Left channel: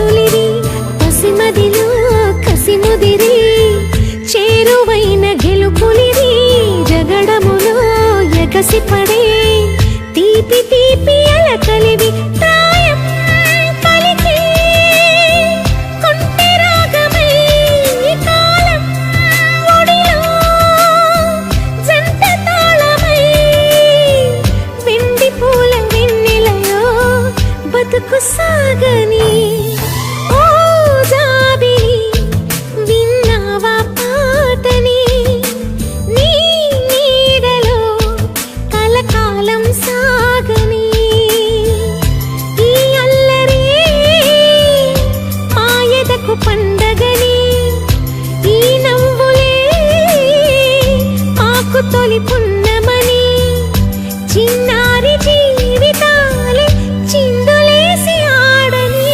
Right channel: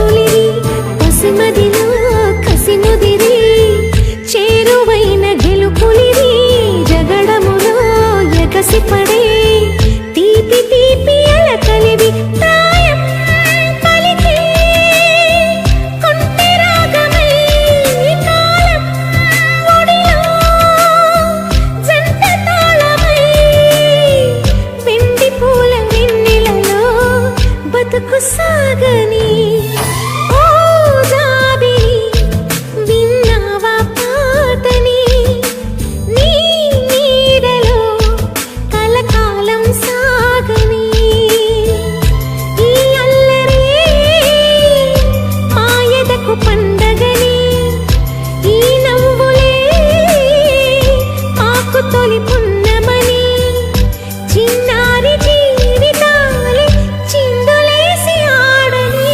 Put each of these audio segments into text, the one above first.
తొలిరి పసిమదిలో కసిముదిరి చేరువైన గెలుపులిరి జగడములో ఎగసిపడే తీపి తీపి అలకలివి ప్రాయం పలికి కొంటె రాగమై కాలం ఒడిలో జంట తాళమై వెండి పూల వెన్నెలలో బతుకు సాగని ఓ జాబిలి విన్నావా పాటని నీ నీడలో కలకాలం సాగని ఈ అల్లరి మాయదకు పండగని ఈ నవ్వులే మాకు తొలి పున్నమని చిన్నారి జీవితాలే చిందులేసి ఆడని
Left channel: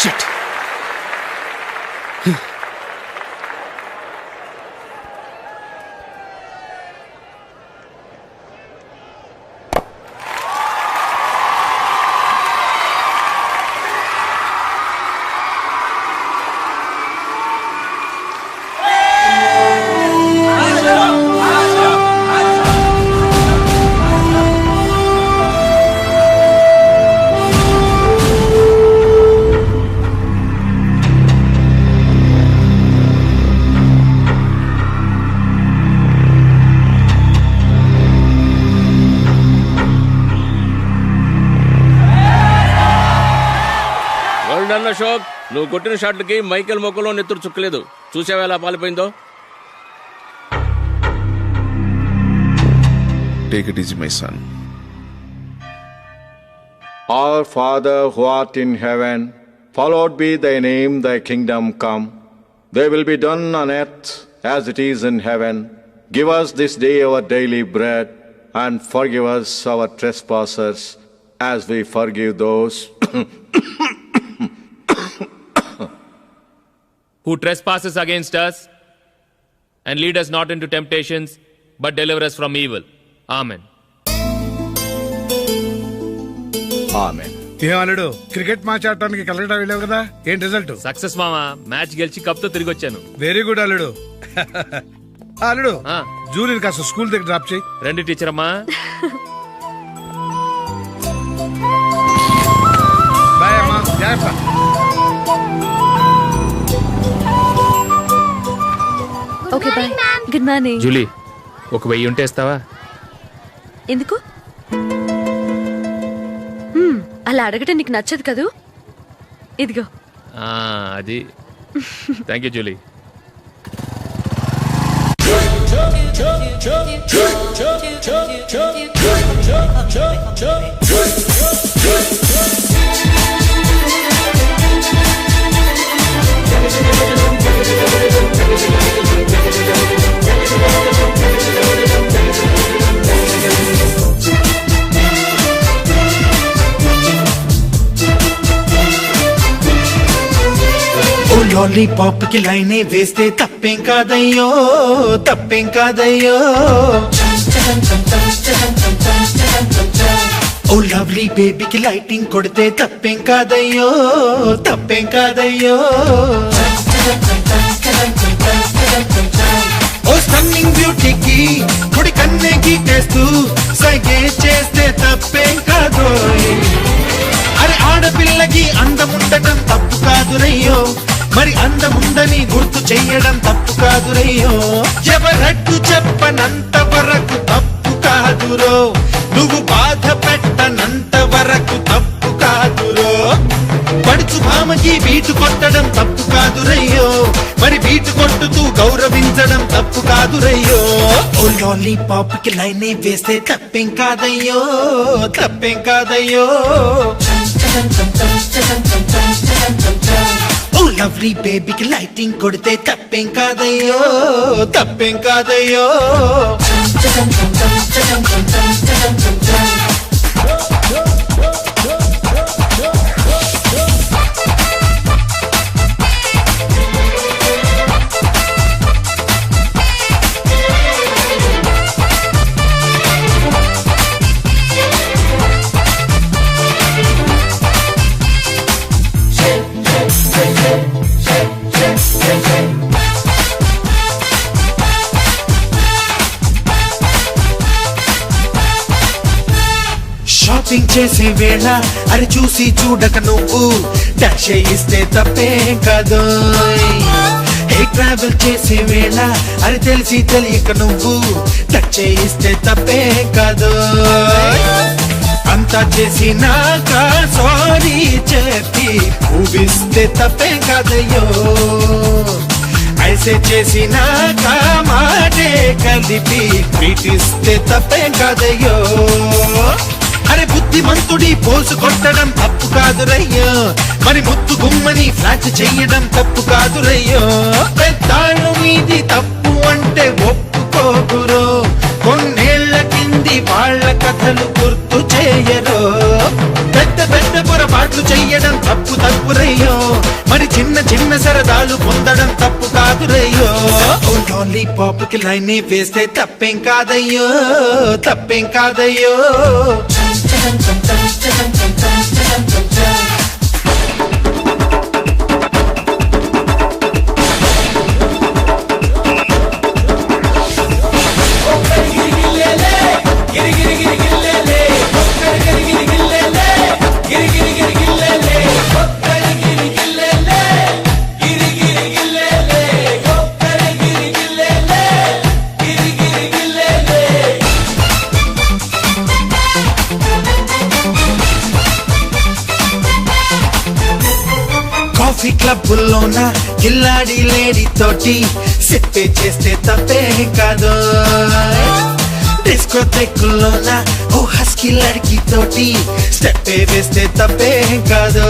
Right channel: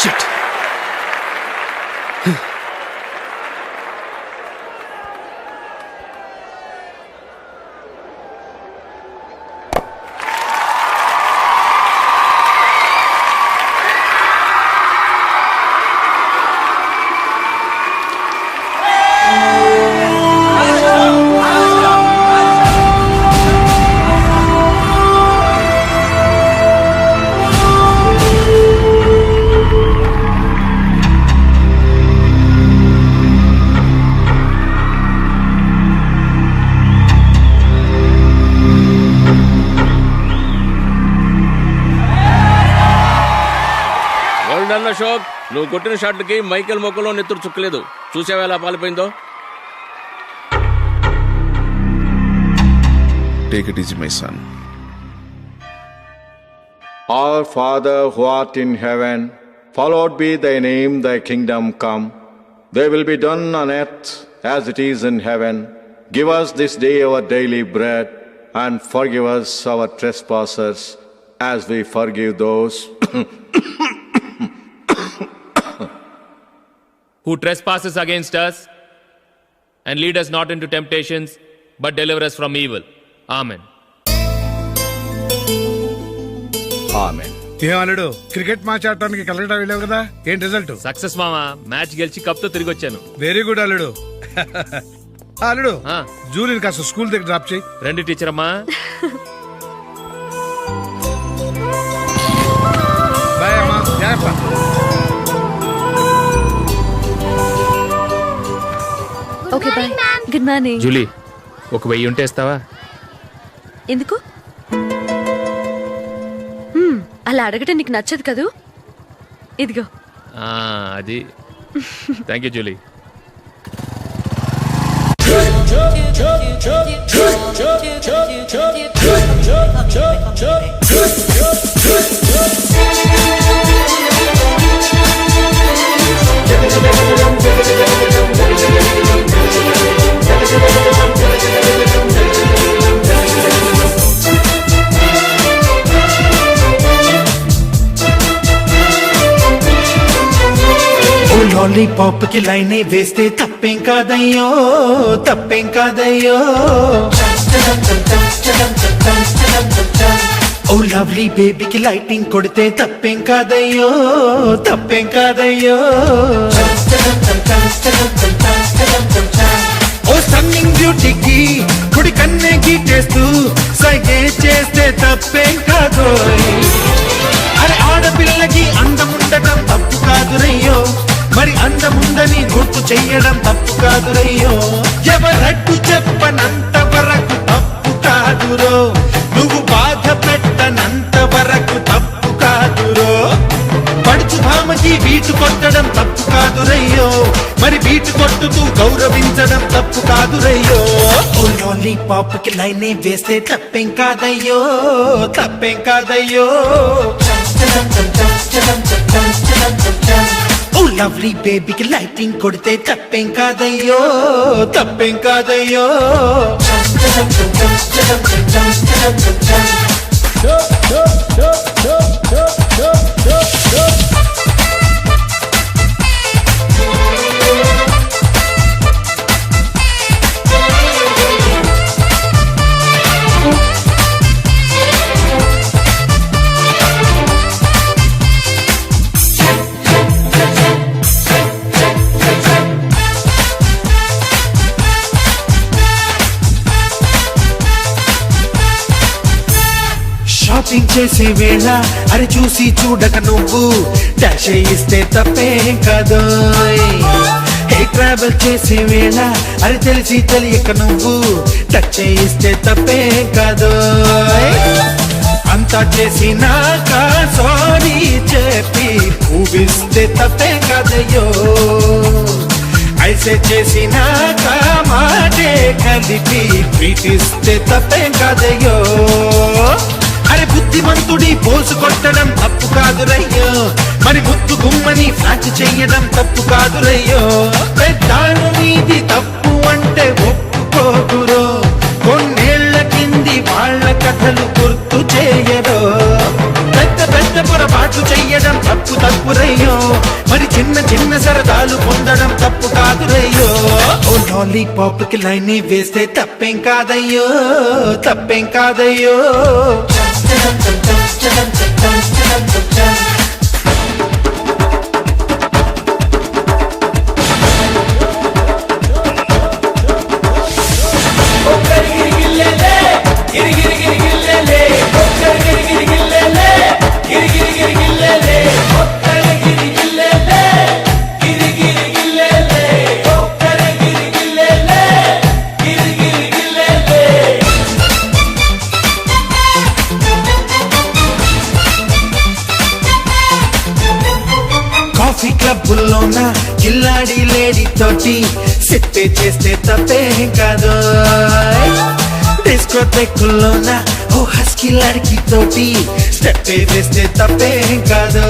Shit. అశోక్, నువ్వు కొట్టిన షాట్లకి మైకేల్ మొక్కలో నెత్తురు చుక్కలేదు. చూసావా ఎలా పాలిపోయిందో? Take it easy, my son. Our Father who art in heaven, hallowed be thy name, thy kingdom come. Thy will be done on earth as it is in heaven. Give us this day our daily bread, and forgive us our trespasses, as we forgive those who trespasses against us, and lead us not into temptations, but deliver us from evil. Amen. Amen. ఏమన్నాడు? Cricket match ఆడటానికి కలకటా వెళ్ళావు కదా, ఏం result? Success మామా, match గెలిచి cup తో తిరిగి వచ్చాను. వెరీ గుడ్ అల్లుడు. అల్లుడు, జూలిని కాస్త స్కూల్ దగ్గర డ్రాప్ చేయి. రండి టీచర్ అమ్మా. బాయ్ అమ్మా, జాగ్రత్త. Okay bye. Good morning. Julie, ఒక 1000 ఉంటే ఇస్తావా? ఎందుకు? అలా అడగటం నీకు నచ్చదు కదూ. ఇదిగో. అది. Thank you Julie. లాలీపాప్ కి లైనే వేస్తే తప్పేం కాదయ్యో, తప్పేం కాదయ్యో. ఓ లవ్లీ బేబీకి లైటింగ్ కొడితే తప్పేం కాదయ్యో, తప్పేం కాదయ్యో. ఓ స్టన్నింగ్ బ్యూటీకి కుడి కన్నే గీటేస్తూ సైగే చేస్తే తప్పేం కాదు. అరే ఆడపిల్లకి అందముండటం తప్పు కాదురయ్యో, మరి అందముందని గుర్తు చెయ్యడం తప్పు కాదురయ్యో. ఎవరట్టు చెప్పనంత వరకు తప్పు కాదురో, నువ్వు బాధ పెట్టనంత వరకు తప్పు కాదురో. పడుచు భామకి బీటు కొట్టడం తప్పు కాదురయ్యో, మరి బీటు కొట్టుతూ గౌరవించడం తప్పు కాదురయ్యో. ఓ లాలీపాప్ కి లైనే వేస్తే తప్పేం కాదయ్యో, తప్పేం కాదయ్యో. ఓ లవ్లీ బేబీకి లైటింగ్ కొడితే తప్పేం కాదయ్యో, తప్పేం కాదయ్యో. షాపింగ్ చేసే వేళ అరే చూసి చూడక నువ్వు డాష్ ఇస్తే తప్పేం కాదు. హే ట్రావెల్ చేసే వేళ అరే తెలిసి తెలియక నువ్వు టచ్ చేయిస్తే తప్పేం కాదు. అంతా చేసినాక సారీ చెప్పి ఊపిస్తే తప్పేం కాదయ్యో. ఐసే చేసినాక మాటే కలిపి పీటిస్తే తప్పేం కాదయ్యో. అరే బుద్ధిమంతుడి పోసు కొట్టడం తప్పు కాదురయ్యో. మరి ముద్దు గుమ్మని ఫ్లాట్ చెయ్యడం తప్పు కాదురయ్యో. పెద్దాళ్ళు మీది తప్పు అంటే ఒప్పుకోగురో. కొన్నేళ్ల కింది వాళ్ళ కథలు గుర్తు చేయరో. పెద్ద పెద్ద పొరపాట్లు చెయ్యడం తప్పు తప్పురయ్యో. మరి చిన్న చిన్న సరదాలు పొందడం తప్పు కాదురయ్యో. ఓ లాలీపాప్ కి లైన్ వేస్తే తప్పేం కాదయ్యో, తప్పేం కాదయ్యో. కాఫీ క్లబ్బుల్లోన కిల్లాడి లేడీ తోటి సిప్పే చేస్తే తప్పేం కాదు. డిస్కోటెక్కుల్లోన ఓ హస్కీ లడ్కి తోటి స్టెప్పే వేస్తే తప్పేం కాదు.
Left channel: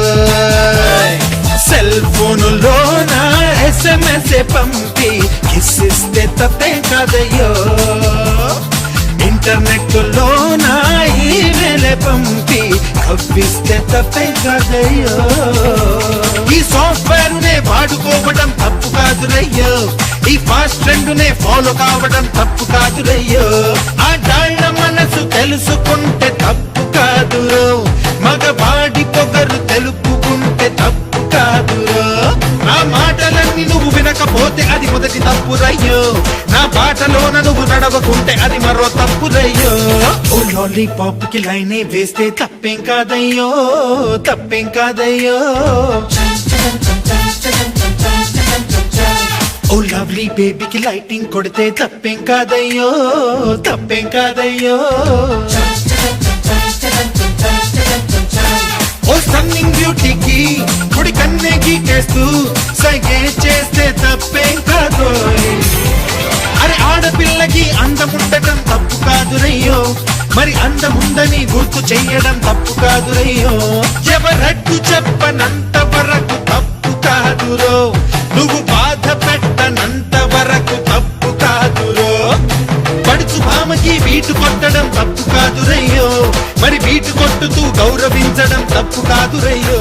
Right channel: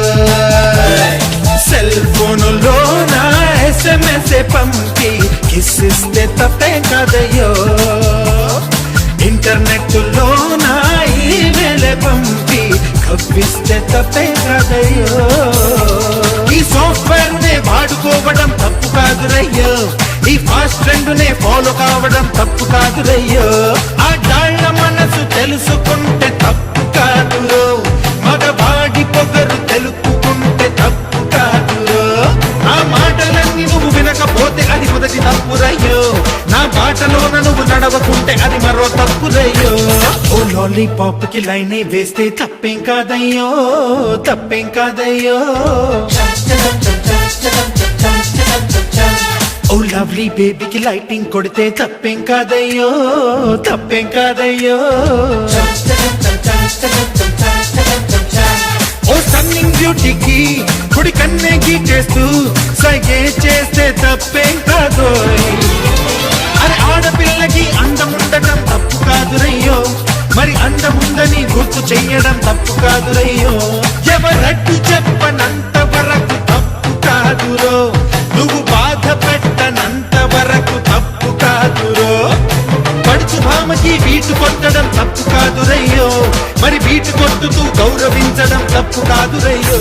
సెల్ ఫోనులోన SMS పంపి కిస్సిస్తే తప్పేం కాదయ్యో. ఇంటర్నెట్ లోన ఈమెయిల్ పంపి కవ్విస్తే తప్పేం కాదయ్యో. ఈ సాఫ్ట్వేర్ నే వాడుకోవడం తప్పు కాదురయ్యో. ఈ ఫాస్ట్ ట్రెండ్ నే ఫాలో కావడం తప్పు కాదురయ్యో. ఆ డాళ్ళ మనసు తెలుసుకుంటే తప్పు కాదురో. మగవాడి పొగరు తెలుపుకుంటే తప్పు కాదురో. నా మాటలన్నీ నువ్వు వినకపోతే అది మొదటి తప్పురయ్యో. నా బాటలోన నువ్వు నడవకుంటే అది మరో తప్పురయ్యో. ఓ లాలీపాప్ కి లైన్ వేస్తే తప్పేం కాదయ్యో, తప్పేం కాదయ్యో. ఓ లవ్లీ బేబీకి లైటింగ్ కొడితే తప్పేం కాదయ్యో, తప్పేం కాదయ్యో. ఓ స్టన్నింగ్ బ్యూటీకి కుడి కన్నే గీటేస్తూ సైగే చేస్తే తప్పేం కాదు. అరే ఆడపిల్లకి అందముండటం తప్పు కాదురయ్యో. మరి అందముందని గుర్తు చెయ్యడం తప్పు కాదురయ్యో. ఎవరడ్డు చెప్పనంత వరకు తప్పు కాదురో. నువ్వు బాధ పెట్టనంత వరకు తప్పు కాదురో. పడుచు భామకి బీటు కొట్టడం తప్పు కాదురయ్యో. మరి బీటు కొట్టుతూ గౌరవించడం తప్పు కాదురయ్యో.